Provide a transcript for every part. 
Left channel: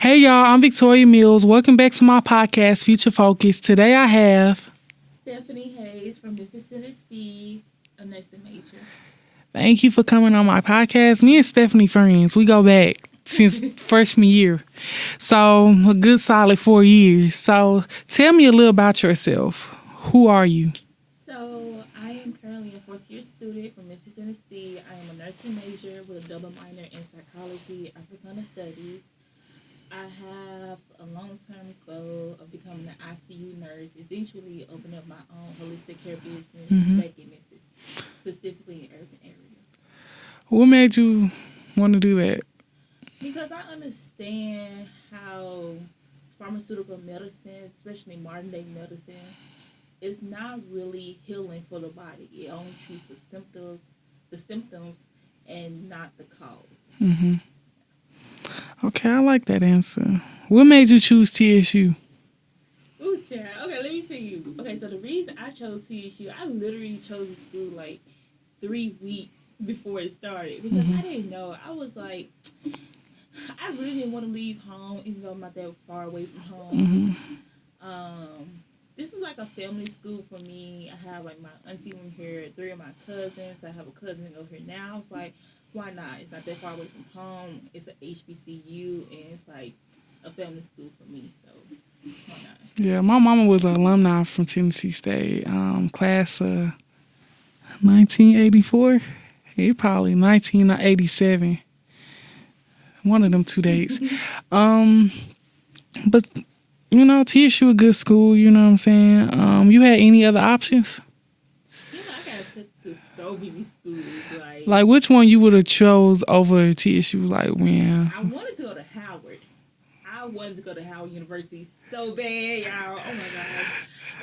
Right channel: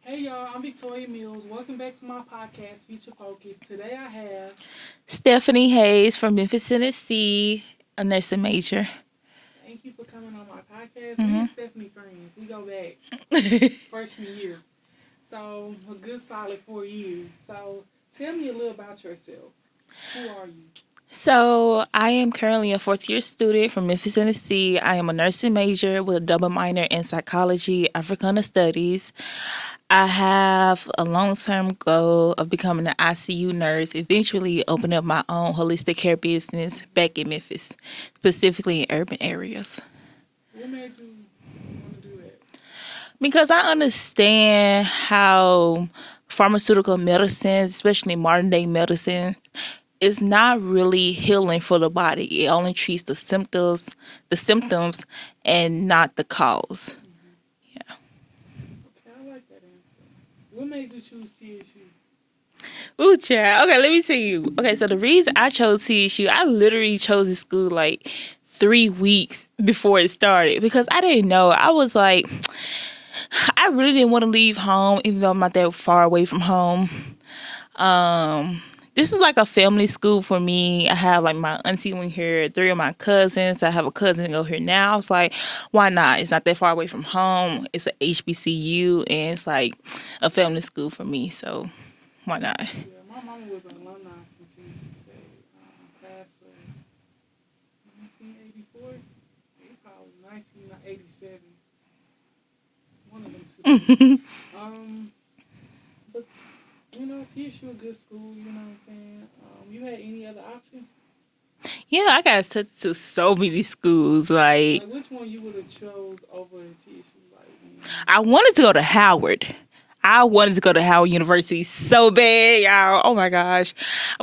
Hey y'all, I'm Victoria Mills. Welcome back to my podcast, Future Focus. Today I have Stephanie Hayes from Memphis, Tennessee, a nursing major. Thank you for coming on my podcast. Me and Stephanie friends. We go back since freshman year. So a good solid 4 years. So tell me a little about yourself. Who are you? So I am currently a fourth-year student from Memphis, Tennessee. I am a nursing major with a double minor in psychology, Africana studies. I have a long-term goal of becoming an ICU nurse, eventually open up my own holistic care business back in Memphis, specifically in urban areas. What made you want to do that? Because I understand how pharmaceutical medicine, especially modern-day medicine, is not really healing for the body. It only treats the symptoms, and not the cause. Okay, I like that answer. What made you choose TSU? Ooh, child. Okay, let me tell you. Okay, so the reason I chose TSU, I literally chose this school like 3 weeks before it started because I didn't know. I was like, I really didn't want to leave home, even though I'm not that far away from home. This is like a family school for me. I have like my auntie went here, 3 of my cousins. I have a cousin go here now. I was like, why not? It's not that far away from home. It's a HBCU and it's like a family school for me. So why not? Yeah, my mama was an alumni from Tennessee State, class of 1984. Probably 1987. One of them 2 dates. But you know, TSU a good school, you know what I'm saying? You had any other options? Yeah, I got sent to so many schools. Like which one you would have chose over TSU? Like when? I wanted to go to Howard. I wanted to go to Howard University so bad, y'all. Oh my gosh.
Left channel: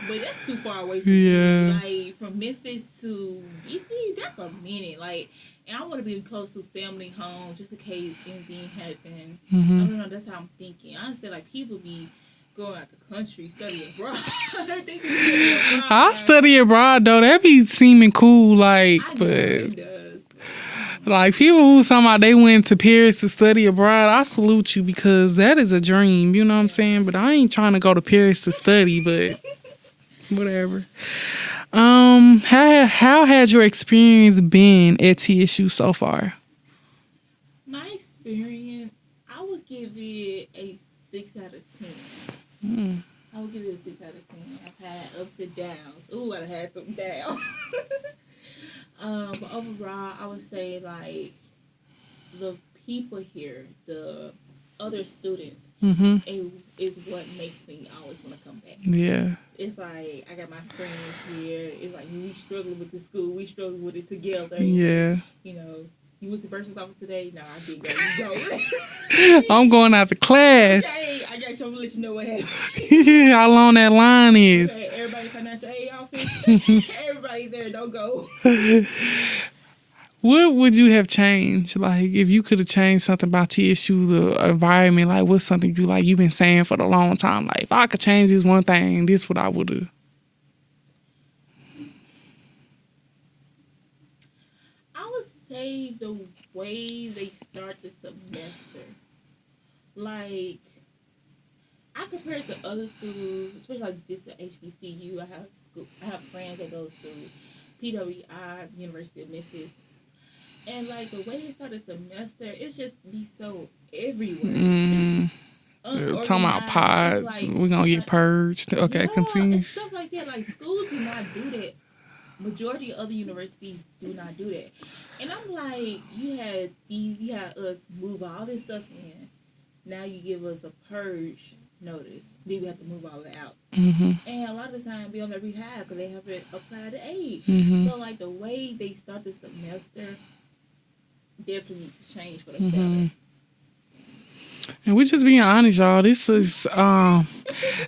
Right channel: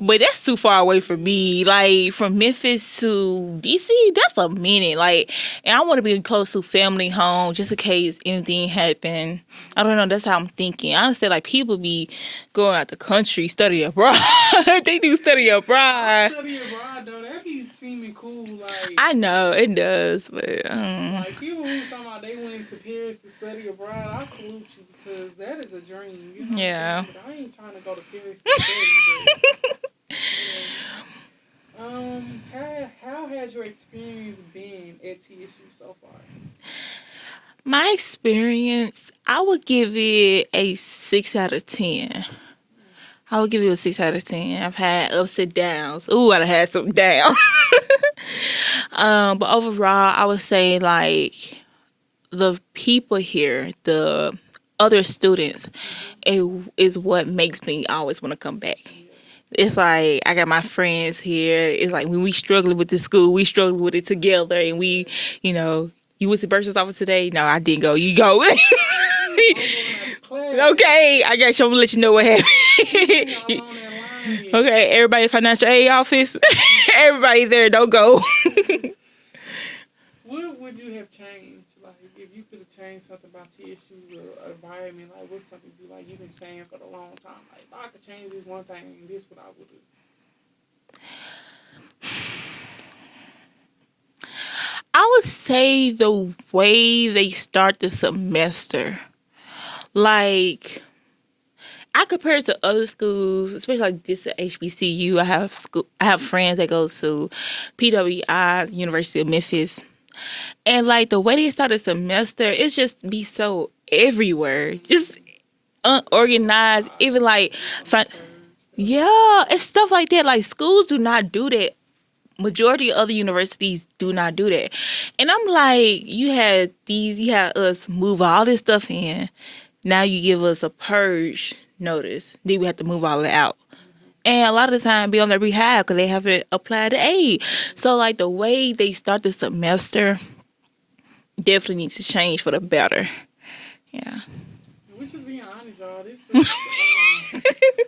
But that's too far away from me. Like from Memphis to DC, that's a minute. Like, and I want to be close to family home just in case anything happen. I don't know. That's how I'm thinking. I understand like people be going out the country, study abroad. They do study abroad. I study abroad though. That be seeming cool. Like I know it does, but like people who talking about they went to Paris to study abroad, I salute you because that is a dream. You know what I'm saying? But I ain't trying to go to Paris to study. But whatever. How has your experience been at TSU so far? My experience, I would give it a 6 out of 10. I would give it a 6 out of 10. I've had ups and downs. Ooh, I've had some downs. But overall, I would say like the people here, the other students, it is what makes me always want to come back. Yeah. It's like I got my friends here. It's like when we struggling with the school, we struggle with it together. And we, you know, you went to Bursar's office today? No, I didn't go. You go. I'm going out to class. Okay, I got you. I'm gonna let you know what happened. How long that line is. Okay, everybody financial aid office. Everybody there, don't go. What would you have changed? Like, if you could have changed something about TSU, the environment, like, what's something you've been saying for a long time? Like, if I could change this one thing, this what I would do. I would say the way they start the semester. Like, I compare it to other schools, especially like this at HBCU. I have friends that go to PWI, University of Memphis. And like the way they start the semester, it's just be so everywhere. Just unorganized. Even like we're gonna get purged. Okay, yeah, continue. and stuff like that. Like schools do not do that. Majority of other universities do not do that. And I'm like, you had us move all this stuff in. Now you give us a purge notice. Then we have to move all of it out. And a lot of the time be on their behalf because they haven't applied to aid. So like the way they start the semester definitely needs to change for the better. Yeah. And we're just being honest, y'all. This is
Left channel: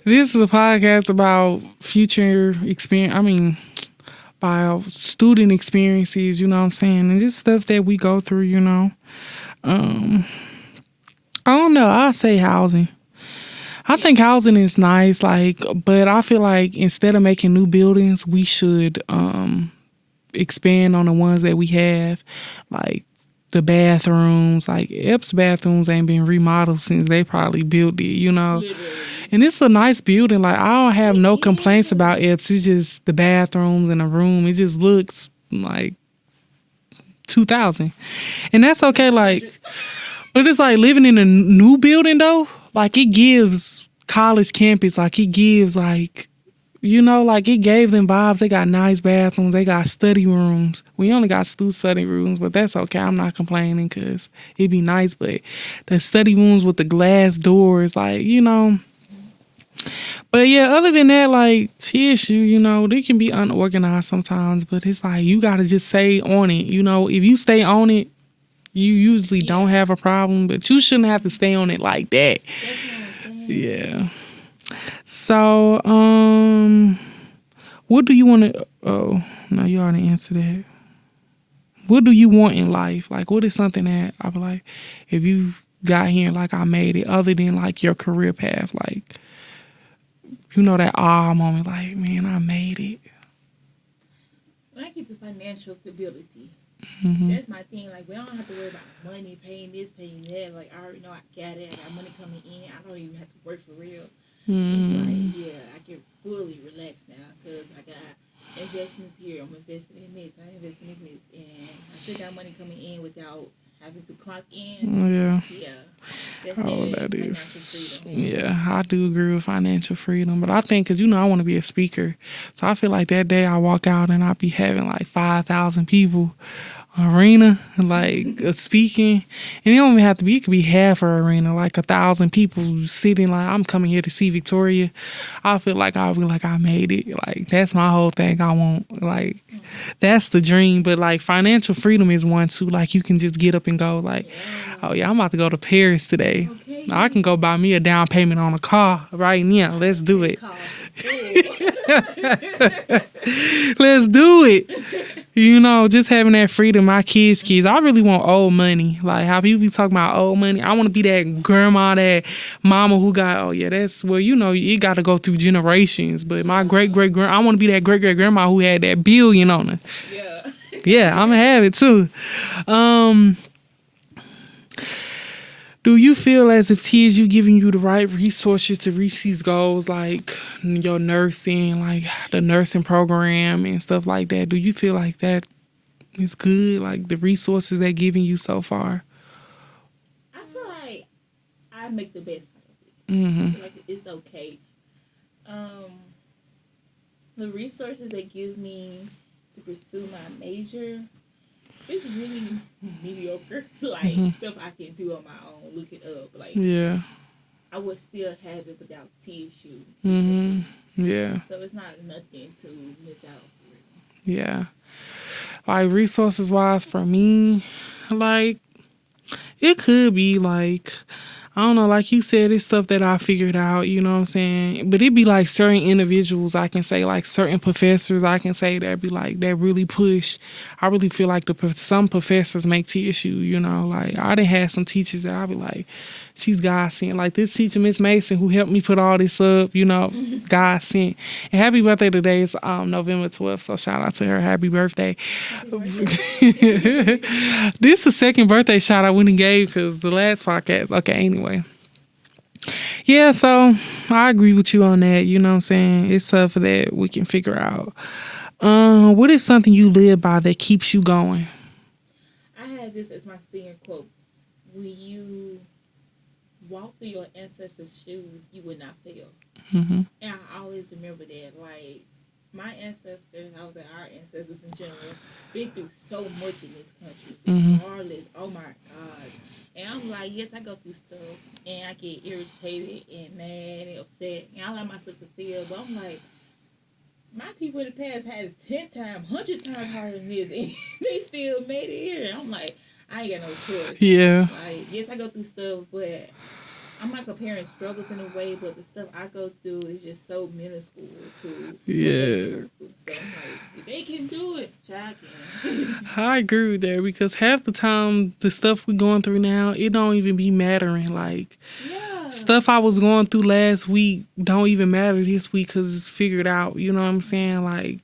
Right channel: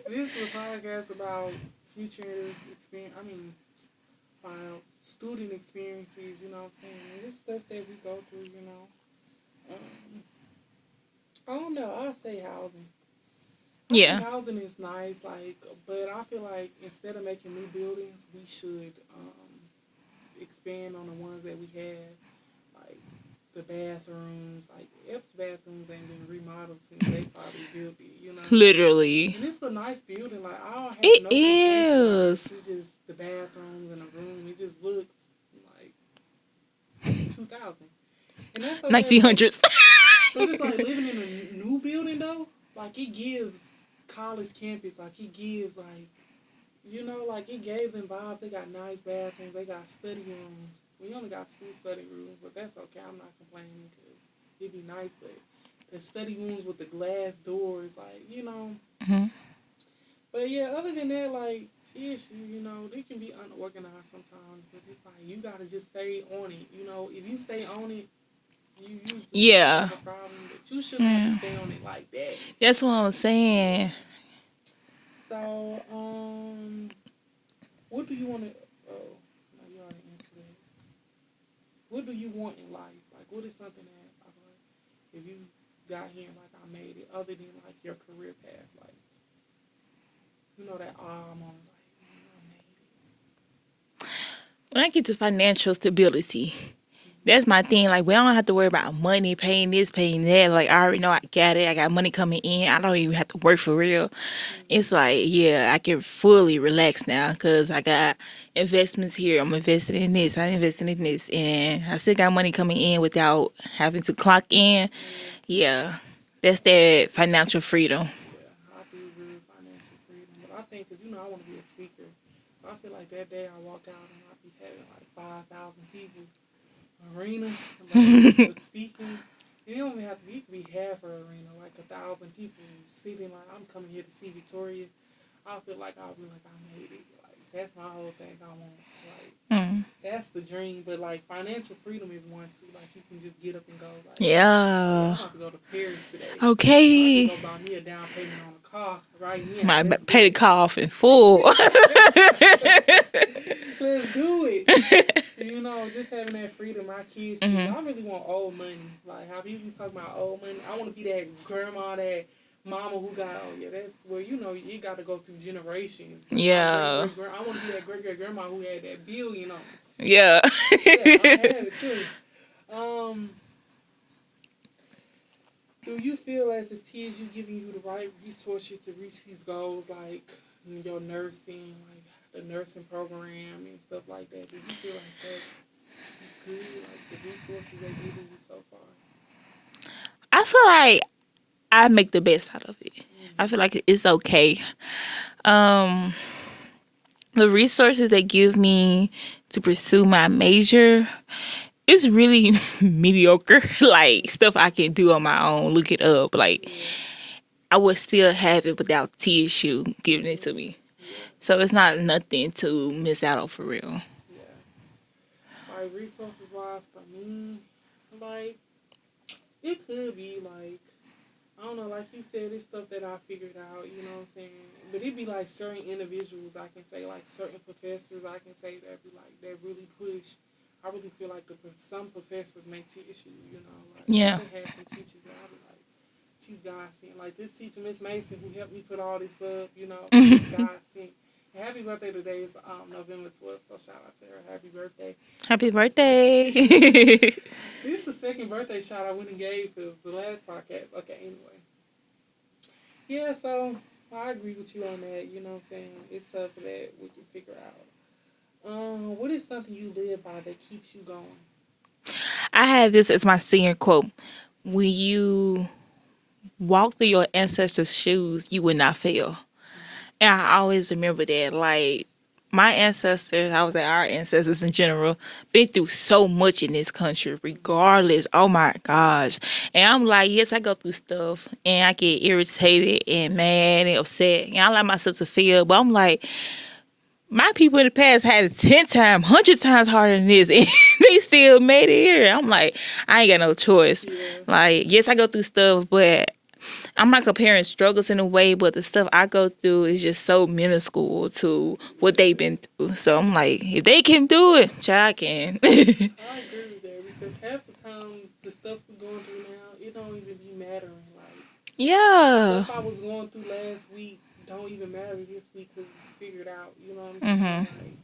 this is a podcast about future experience. I mean, about student experiences. You know what I'm saying, and just stuff that we go through. You know, I don't know. I say housing. I think housing is nice, like, but I feel like instead of making new buildings, we should expand on the ones that we have. Like, the bathrooms. Like Epps bathrooms ain't been remodeled since they probably built it, you know. Literally. And it's a nice building. Like I don't have It no complaints about is. Epps. It's just the bathrooms and the room. It just looks like 2000, and that's okay. Like, 1900s. but it's like living in a new building though. Like it gives college campus. Like it gives like, you know, like it gave them vibes. They got nice bathrooms. They got study rooms. We only got two study rooms, but that's okay. I'm not complaining because it'd be nice. But the study rooms with the glass doors, like, you know. But yeah, other than that, like TSU, you know, they can be unorganized sometimes, but it's like you gotta just stay on it. You know, if you stay on it, you usually don't Yeah. have a problem, but you shouldn't have to stay on it like that. That's what I'm saying. Yeah. So, what do you want to? Oh, no, you already answered that. What do you want in life? Like, what is something that I be like, if you got here, like I made it, other than like your career path, like, you know, that moment, like, man, I made it. When I get to financial stability, that's my thing. Like, we don't have to worry about money, paying this, paying that. Like, I already know I got it. I got money coming in. I don't even have to work for real. It's like, yeah, I can fully relax now because I got investments here. I'm invested in this. I'm invested in this. And I still got money coming in without having to clock in. Yeah. Yeah. That's Oh, that that financial is- freedom. Yeah, I do agree with financial freedom. But I think, because, you know, I want to be a speaker. So I feel like that day I walk out and I be having like 5,000 people arena, like speaking. And it don't even have to be, it could be half an arena, like 1,000 people sitting like, I'm coming here to see Victoria. I feel like I'll be like, I made it. Like, that's my whole thing I want. Like, that's the dream. But like financial freedom is one too. Like you can just get up and go like, Yeah. oh yeah, I'm about to go to Paris today. Okay. I can go buy me a down payment on a car right now. My Let's do pay the it. car off in full. Let's do it. You know, just having that freedom. My kids. I really want old money. Like how people be talking about old money. I want to be that grandma, that mama who got, oh yeah, that's, well, you know, you got to go through generations. But my Yeah. great I want to be that great grandma who had that billion on her. Yeah. Yeah, I'm gonna have it too. Do you feel as if TSU giving you the right resources to reach these goals, like your nursing, like the nursing program and stuff like that? Do you feel like that is good, like the resources they're giving you so far? I feel like I make the best out of it. I feel like it's okay. The resources they give me to pursue my major is really mediocre. Like stuff I can do on my own, look it up. Like Yeah, I would still have it without TSU giving it to me. yeah, So it's not nothing to miss out on for real. yeah. Like resources wise for me, like it could be like, I don't know, like you said, it's stuff that I figured out, you know what I'm saying? But it'd be like certain individuals, I can say, like certain professors, I can say that be like, that really push. I really feel like some professors make TSU, you know? Like, Yeah. I done had some teachers that I be like, she's God sent. Like this teacher, Miss Mason, who helped me put all this up, you know, God sent. And happy birthday today is November 12th, so shout out to her. Happy birthday. Happy birthday. This is the second birthday shout I went and gave because the last podcast. Okay, anyway. Yeah, so I agree with you on that. You know what I'm saying? It's stuff that we can figure out. What is something you live by that keeps you going? I had this as my senior quote. When you walk through your ancestors' shoes, you will not fail. And I always remember that. Like, my ancestors, I was like, our ancestors in general, been through so much in this country, regardless. Oh my gosh. And I'm like, yes, I go through stuff and I get irritated and mad and upset. And I let myself to feel, but I'm like, my people in the past had it 10 times, 100 times harder than this, and they still made it here. I'm like, I ain't got no choice. Yeah. Like, yes, I go through stuff, but I'm not comparing struggles in a way, but the stuff I go through is just so minuscule to what they've been through. So I'm like, if they can do it, child, I can. I agree with that because half the time the stuff we going through now, it don't even be mattering. Like Yeah. stuff I was going through last week don't even matter this week because it's figured out. You know what I'm saying? Like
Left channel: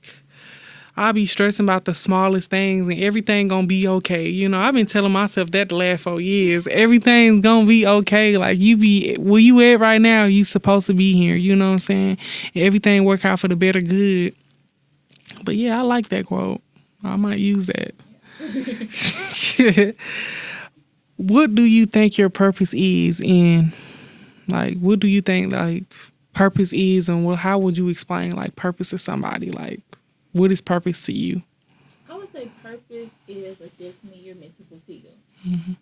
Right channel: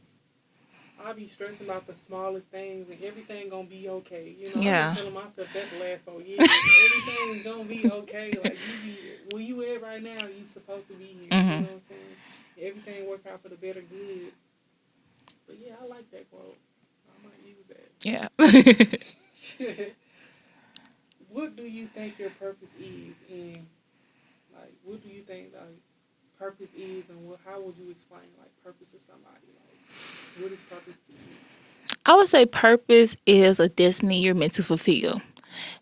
I be stressing about the smallest things and everything gonna be okay. You know, I've been Yeah. telling myself that the last 4 years. Everything's gonna be okay. Like you be where you at right now, you supposed to be here. You know what I'm saying? Everything work out for the better good. But yeah, I like that quote. I might use that. Yeah. What do you think your purpose is in? Like, what do you think like purpose is, and how would you explain like purpose to somebody? Like, what is purpose to you? I would say purpose is a destiny you're meant to fulfill.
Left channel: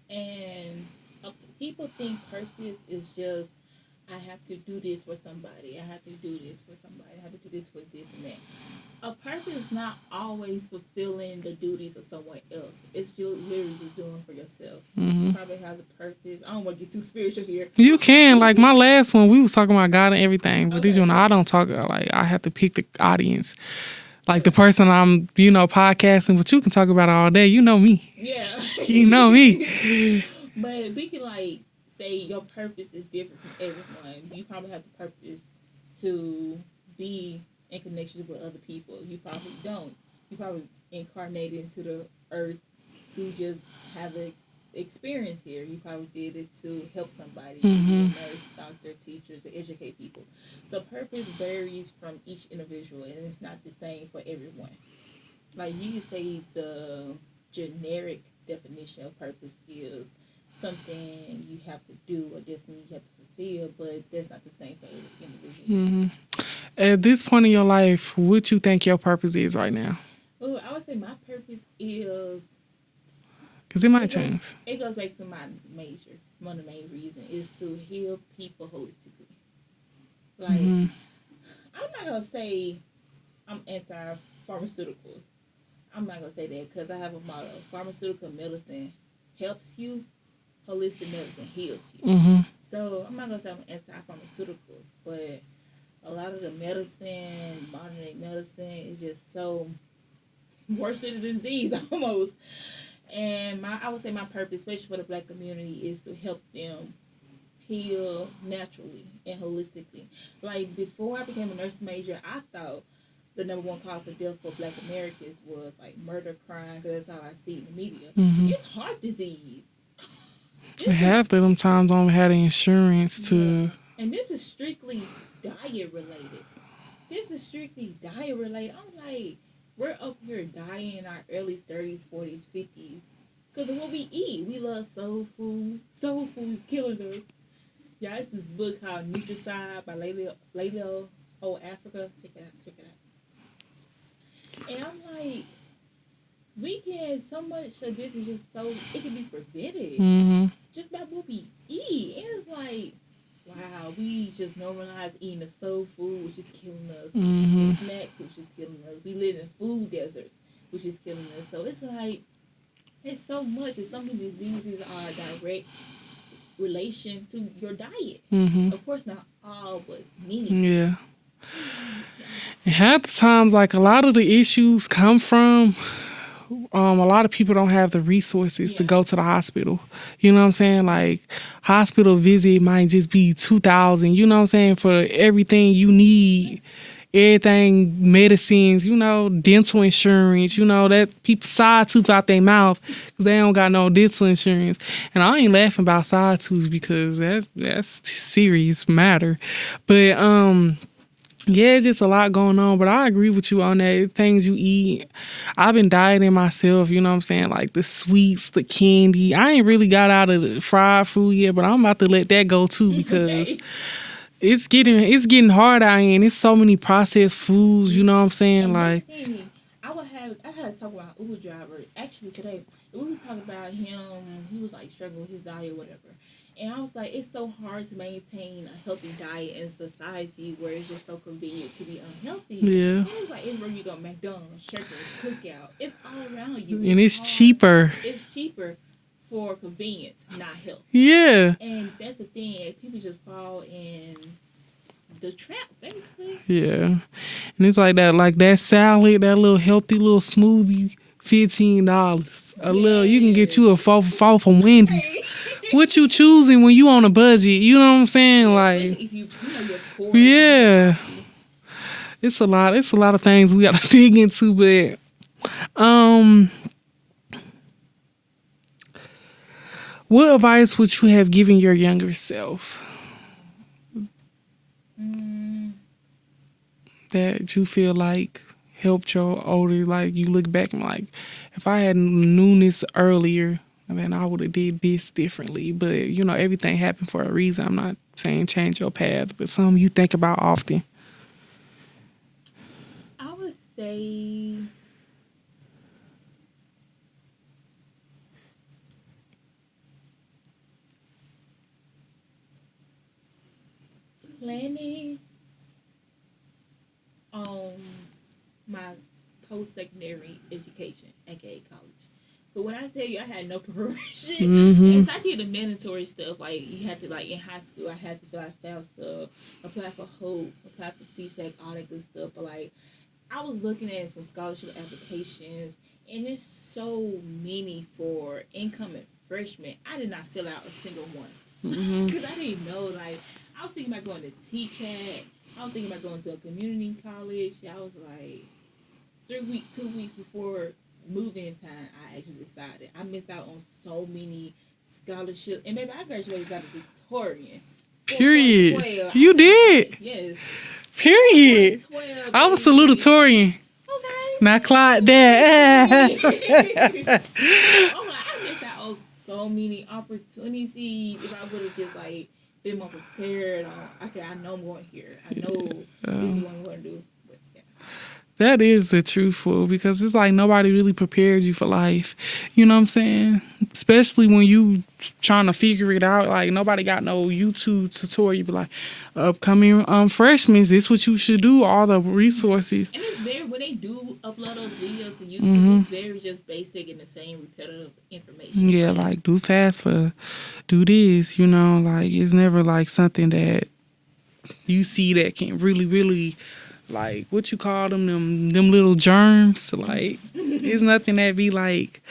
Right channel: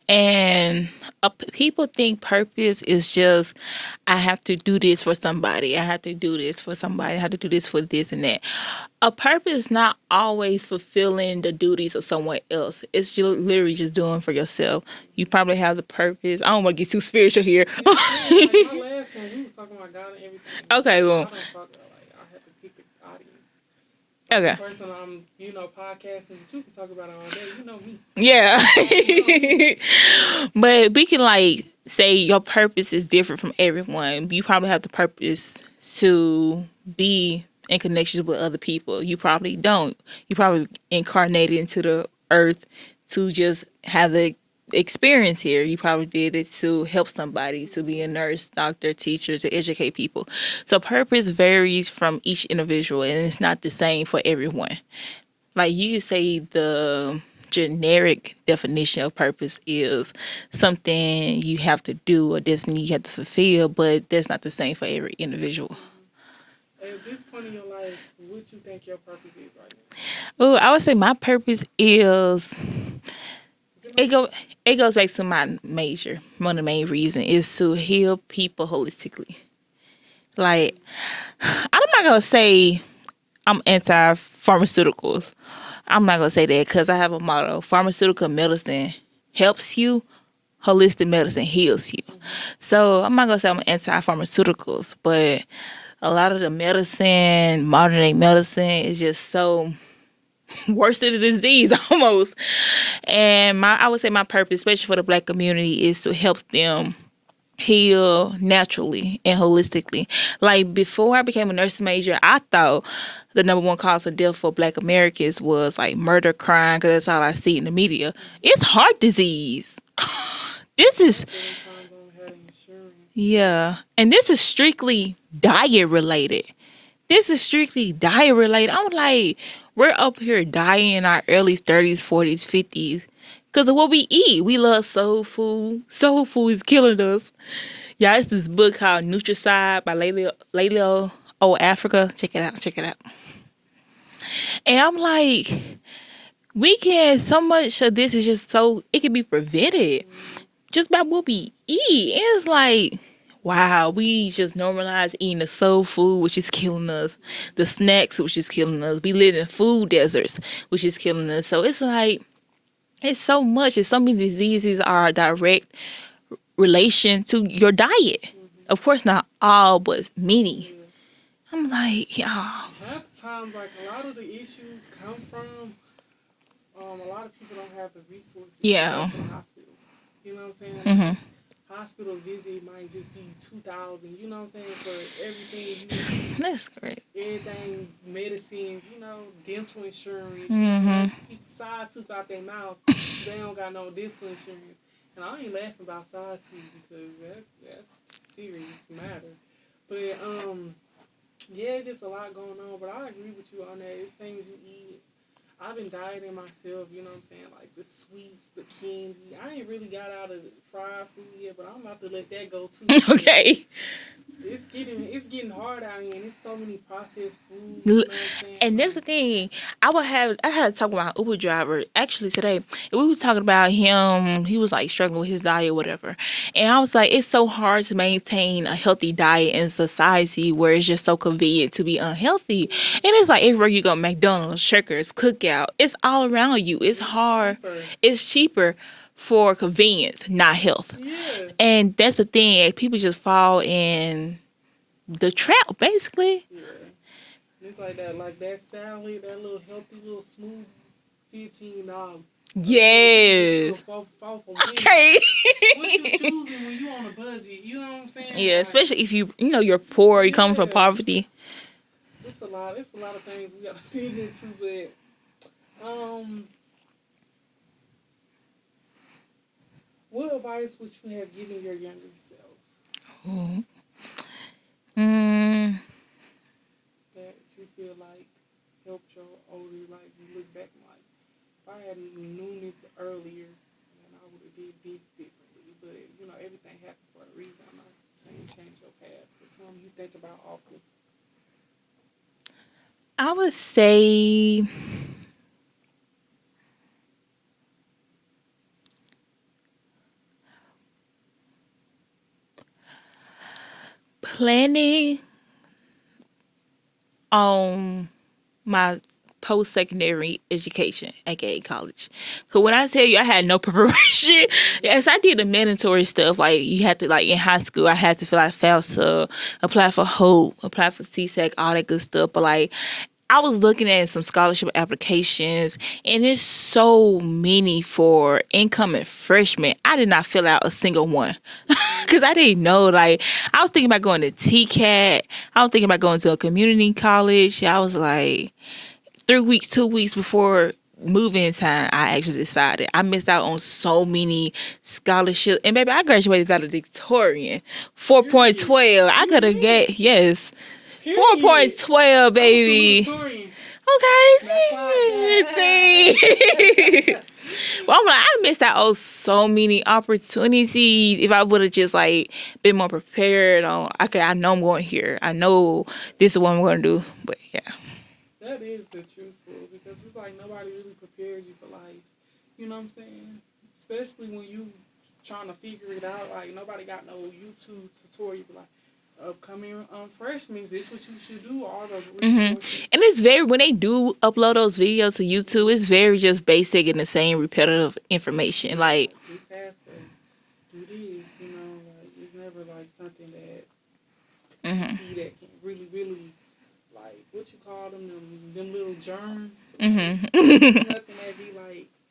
And people think purpose is just, I have to do this for somebody. I have to do this for somebody. I have to do this for this and that. A purpose is not always fulfilling the duties of someone else. It's just literally just doing for yourself. You probably have the purpose. I don't want to get too spiritual here. You can. Like my last one, we was talking about God and everything. But Okay, this one, well. I don't talk, like I have to pick the audience. Like the Okay. person I'm, podcasting, but you can talk about it all day. You know me. Yeah. You know me. But we can like say your purpose is different from everyone. You probably have the purpose to be in connections with other people. You probably don't. You probably incarnated into the earth to just have the experience here. You probably did it to help somebody, to be a nurse, doctor, teacher, to educate people. So purpose varies from each individual, and it's not the same for everyone. Like you could say the generic definition of purpose is something you have to do, a destiny you have to fulfill, but that's not the same for every individual. At this point in your life, what you think your purpose is right now? Oh, I would say my purpose is Because it might change. it goes back to my major. One of the main reasons is to heal people holistically. Like, I'm not gonna say I'm anti-pharmaceuticals. I'm not gonna say that because I have a motto: pharmaceutical medicine helps you, holistic medicine heals you. So I'm not gonna say I'm anti-pharmaceuticals, but a lot of the medicine, modern day medicine, is just so worse than the disease almost. And I would say my purpose, especially for the Black community, is to help them heal naturally and holistically. Like before I became a nursing major, I thought the number one cause of death for Black Americans was like murder, crime, because that's all I see in the media. It's heart disease. This is Half of them times I don't have the insurance. yeah, and this is strictly diet related. I'm like, we're up here dying in our early 30s, 40s, 50s because of what we eat. We love soul food. Soul food is killing us. Yeah, it's this book called Nutricide by Layla O. Africa. Check it out. And I'm like, so much of this is just so, it can be prevented just by what we eat. And it's like, wow, we just normalize eating the soul food, which is killing us, the snacks, which is killing us. We live in food deserts, which is killing us. So it's like, it's so much. And so many diseases are a direct relation to your diet. Of course, not all, but many. Yeah. I'm like, y'all. Half the times, like a lot of the issues come from a lot of people don't have the resources to go Yeah. to the hospital. You know what I'm saying? Like hospital visit might just be $2,000. You know what I'm saying? For everything you need, That's great. everything, medicines. You know, dental insurance. You know that people side tooth out their mouth, they don't got no dental insurance. And I ain't laughing about side tooth because that's serious matter. But yeah, it's just a lot going on, but I agree with you on that. Things you eat. I've been dieting myself, you know what I'm saying? Like the sweets, the candy. I ain't really got out of the fried food yet, but I'm about to let that go too. Because Okay. it's getting hard out here, and it's so many processed foods, you know what I'm saying? And that's the Like, thing. I had to talk with my Uber driver actually today. And we were talking about him. He was like struggling with his diet or whatever. And I was like, it's so hard to maintain a healthy diet in society where it's just so convenient to be unhealthy. Yeah. And it's like everywhere you go, McDonald's, Checkers, Cookout, it's all around you. and it's hard. cheaper. It's cheaper for convenience, not health. Yeah. And that's the thing. People just fall in the trap, basically. Yeah. And it's like that salad, that little healthy little smoothie, $15. You can get you a four from Wendy's. Hey. What you choosing when you on a budget? You know what I'm saying? Yeah, Like, especially if you're poor, you come from Yeah. poverty. it's a lot of things we gotta dig into, but Um, what advice would you have given your younger self Mm, that you feel like helped your older? Like you look back and like, if I had known this earlier, then I would have did this differently. But you know, everything happened for a reason. I'm not saying change your path, but something you think about often. I would say planning on my post-secondary education, aka college. Because when I tell you I had no preparation, yes, I did the mandatory stuff. Like you had to, like in high school, I had to fill out FAFSA, apply for HOPE, apply for CSEC, all that good stuff. But like I was looking at some scholarship applications, and there's so many for incoming freshmen. I did not fill out a single one because I didn't know. Like, I was thinking about going to TCAT. I was thinking about going to a community college. I was like, 3 weeks, 2 weeks before move-in time, I actually decided. I missed out on so many scholarships. And baby, I graduated valedictorian. 4.12. I You could have did? yes. Period. 4.12, I was baby. salutatorian. Okay. Not Clyde that. I'm like, I missed out on so many opportunities. If I would have just like been more prepared on, okay, I know I'm going here. I know this is what I'm going to do. But yeah. That is the truthful, because it's like nobody really prepared you for life. You know what I'm saying? Especially when you trying to figure it out. Like nobody got no YouTube tutorial. You be like, upcoming freshmen, this what you should do. All the resources. And it's very, when they do upload those videos to YouTube, it's very just basic and the same repetitive information. Yeah, like like do FAFSA, do this. You know, like it's never like something that you see that can really, really. Like, what you call them little germs. Like, it's nothing that be, like,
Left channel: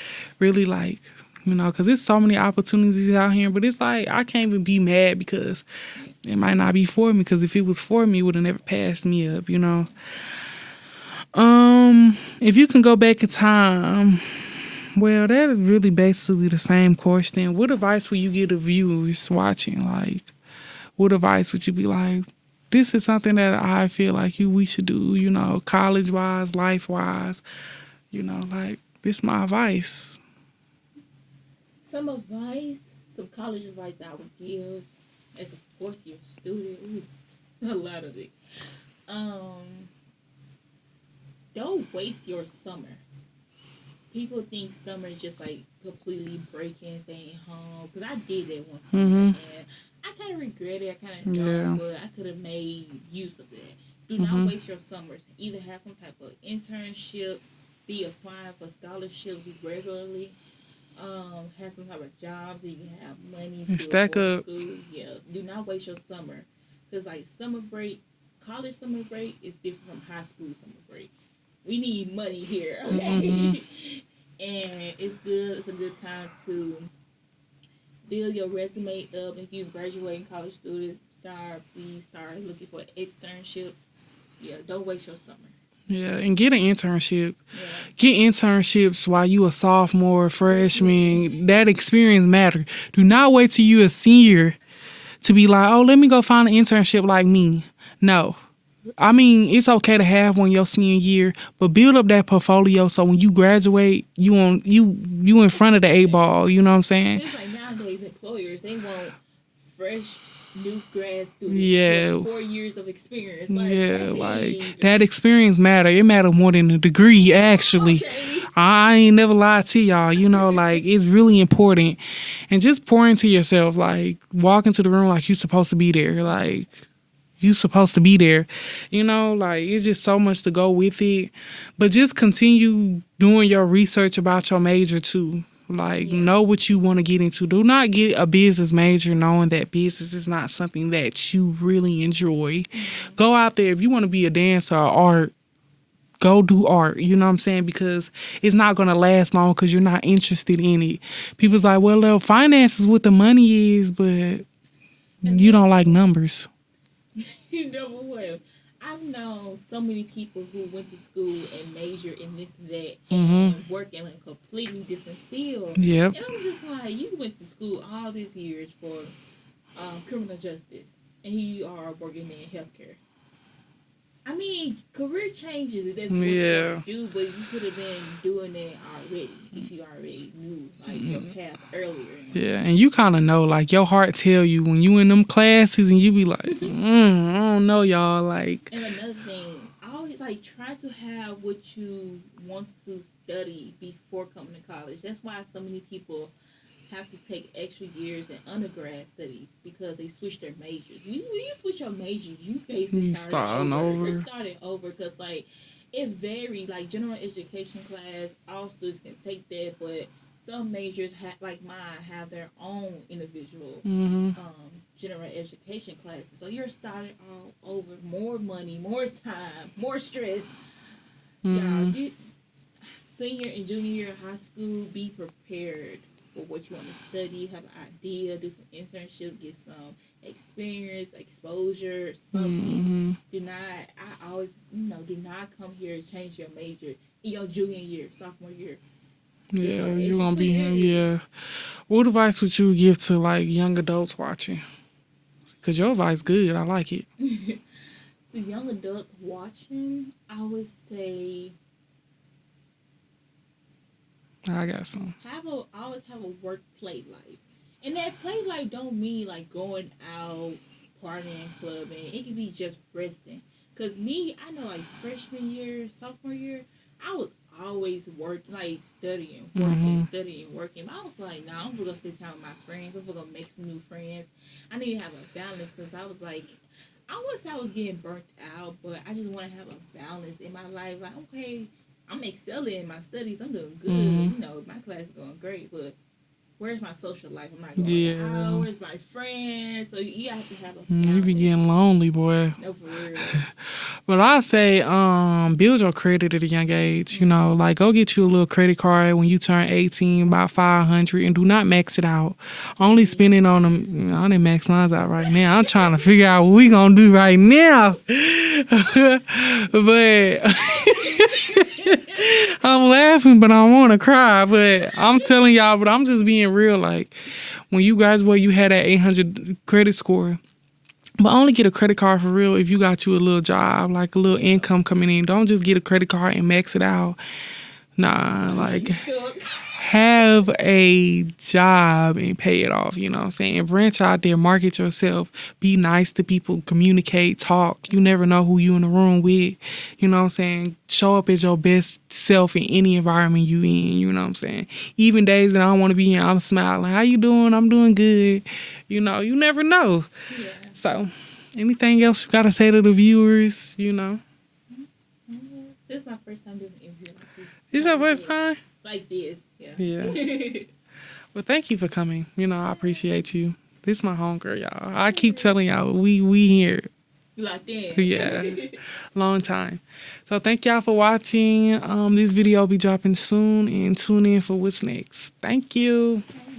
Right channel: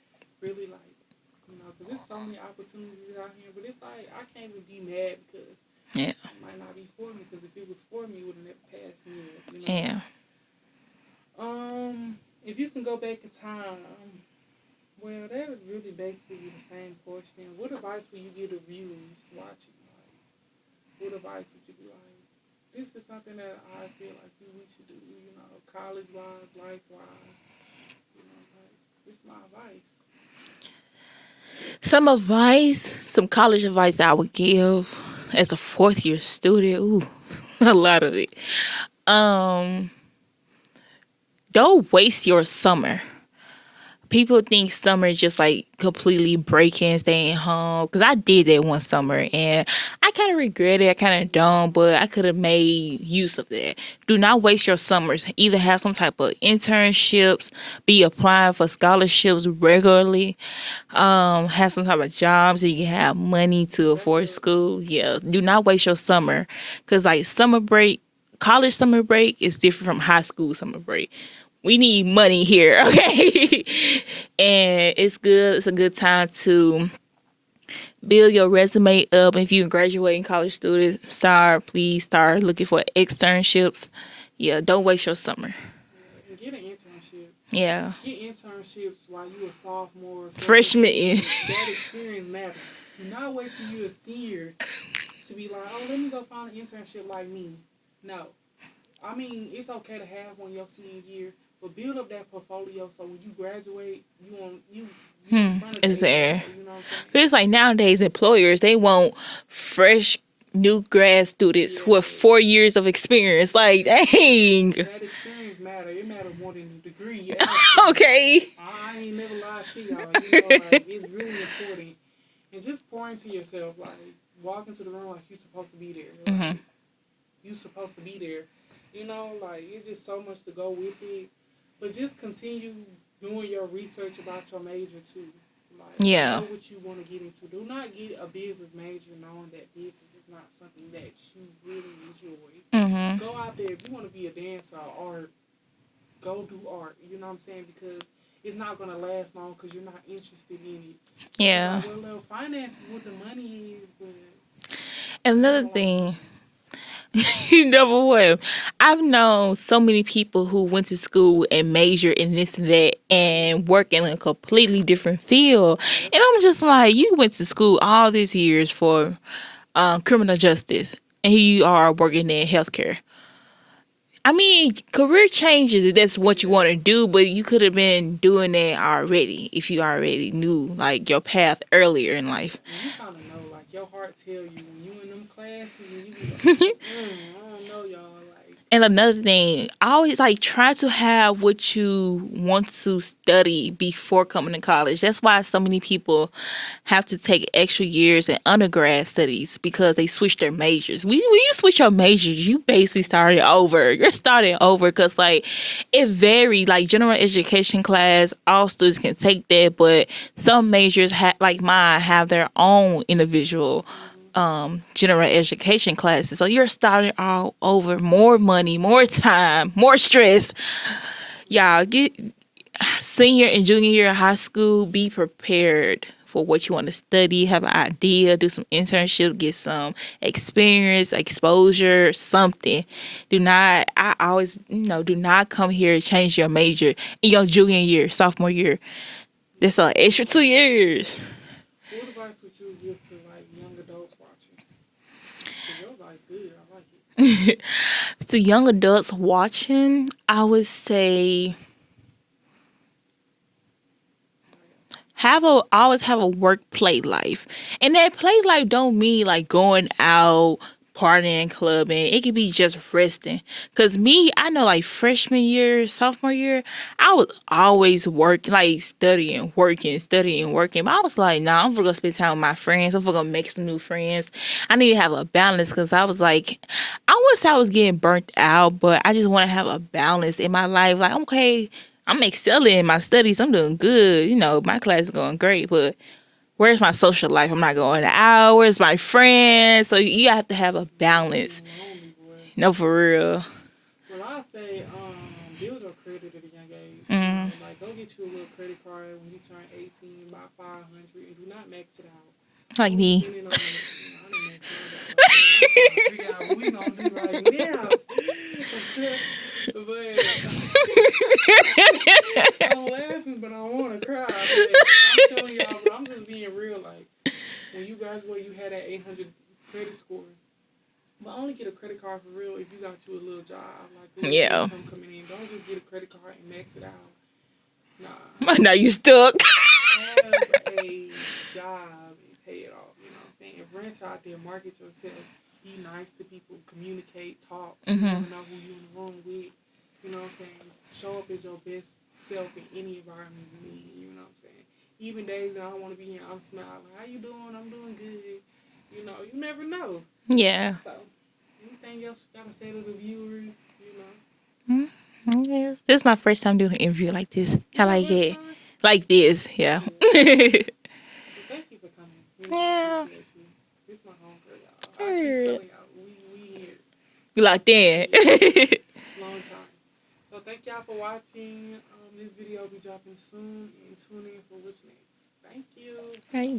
really, like, you know, because there's so many opportunities out here. But it's like, I can't even be mad because it might not be for me. Because if it was for me, it would have never passed me up, you know? Yeah. If you can go back in time, well, that is really basically the same question. What advice would you give the viewers watching? Like, what advice would you be like, this is something that I feel like we should do, you know, college-wise, life-wise. You know, like, this is my advice. Some advice, some college advice that I would give as a fourth-year student. Ooh, a lot of it. Don't waste your summer. People think summer is just like completely breaking, staying home. Because I did that one summer and I kind of regret it. I kind of don't, but I could have made use of that. Do not waste your summers. Either have some type of internships, be applying for scholarships regularly, have some type of jobs so you can have money to Stack afford up. school. Yeah, do not waste your summer. Because like summer break, college summer break is different from high school summer break. We need money here, okay? And it's good. It's a good time to build your resume up. If you're a graduating college student, please start looking for externships. Yeah, don't waste your summer. Yeah, and get an internship. Yeah. Get internships while you a sophomore, freshman. Freshman. That experience matter. Do not wait till you a senior to be like, oh, let me go find an internship like me. No. I mean, it's okay to have one your senior year, but build up that portfolio so when you graduate, you in front of the It's eight ball. there. You know what I'm saying? But it's like nowadays employers, they want fresh new grad students Yeah. with 4 years of experience. Like, Yeah, dang. like, that experience matter. It matter more than a degree, actually. Okay. I ain't never lied to y'all. You know, like, it's really important. And just pour into yourself. Like, walk into the room like you supposed to be there. Like, you supposed to be there. You know, like, it's just so much to go with it. But just continue doing your research about your major, too. Like, Yeah. know what you want to get into. Do not get a business major knowing that business is not something that you really enjoy. Go out there. If you want to be a dancer or art, go do art. You know what I'm saying? Because it's not going to last long because you're not interested in it. People's Yeah. like, well, finance is what the money is, but you Another don't like thing, numbers. Number one, I've known so many people who went to school and majored in this and that and work in a completely different field. Yep. And I'm just like, you went to school all these years for criminal justice, and here you are working in healthcare. I mean, career changes if that's what you want to Yeah. do, but you could have been doing that already if you already knew like your path earlier in life. Yeah, and you kind of know, like, your heart tell you when you in them classes and you be like, I don't know, y'all. Like, And another thing, I always like try to have what you want to study before coming to college. That's why so many people have to take extra years in undergrad studies because they switch their majors. When you switch your majors, you basically started starting over. over. You're starting over because like it varied. Like general education class, all students can take that, but some majors like mine have their own individual general education classes. So you're starting all over. More money, more time, more stress. Y'all get senior and junior year of high school, be prepared for what you want to study, have an idea, do some internship, get some experience, exposure, something. Do not, I always, do not come here and change your major in your junior year, sophomore year. That's yeah, an you extra gonna 2 be here, years. yeah. What advice would you give to, like, young adults watching? Because your advice good. I like it. To young adults watching, I would say I got some. always have a work play life, and that play life don't mean like going out partying, clubbing. It could be just resting. Cause me, I know like freshman year, sophomore year, I was always working, like studying, working, studying, working. But I was like, nah, I'm gonna spend time with my friends. I'm gonna make some new friends. I need to have a balance because I was like, I wouldn't say I was getting burnt out, but I just want to have a balance in my life. Like, okay, I'm excelling in my studies. I'm doing good. My class is going great, but where's my social life? I'm not going out. Where's my friends? So you have to have a You be balance. getting lonely, boy. No, for real. But I say, build your credit at a young age. You know, like, go get you a little credit card when you turn 18, about 500, and do not max it out. Like Only me. spend it on them. I didn't max mine out right now. I'm trying to figure out what we gonna do right now. But I'm laughing, but I want to cry. But I'm telling y'all, but I'm just being real. Like, when you had that 800 credit score. But only get a credit card for real if you got you a little job, like a little Yeah. income coming in. Don't just get a credit card and max it out. Nah. Now like, you stuck. have a job and pay it off, you know what I'm saying? And branch out there, market yourself, be nice to people, communicate, talk. You never know who you in the room with. You know what I'm saying? Show up as your best self in any environment you in, you know what I'm saying? Even days that I don't want to be in, I'm smiling. How you doing? I'm doing good. You know, you never know. Yeah. So, anything else you got to say to the viewers, you know? This is my first time doing an interview like this. Is I your like first it. time? Like this, yeah. Well, thank you for coming. You know, I Yeah. appreciate you. This is my homegirl, y'all. I keep telling y'all, we here. You locked in. Yeah. Long time. So thank y'all for watching. This video will be dropping soon, and tune in for what's next. Thank you. Bye.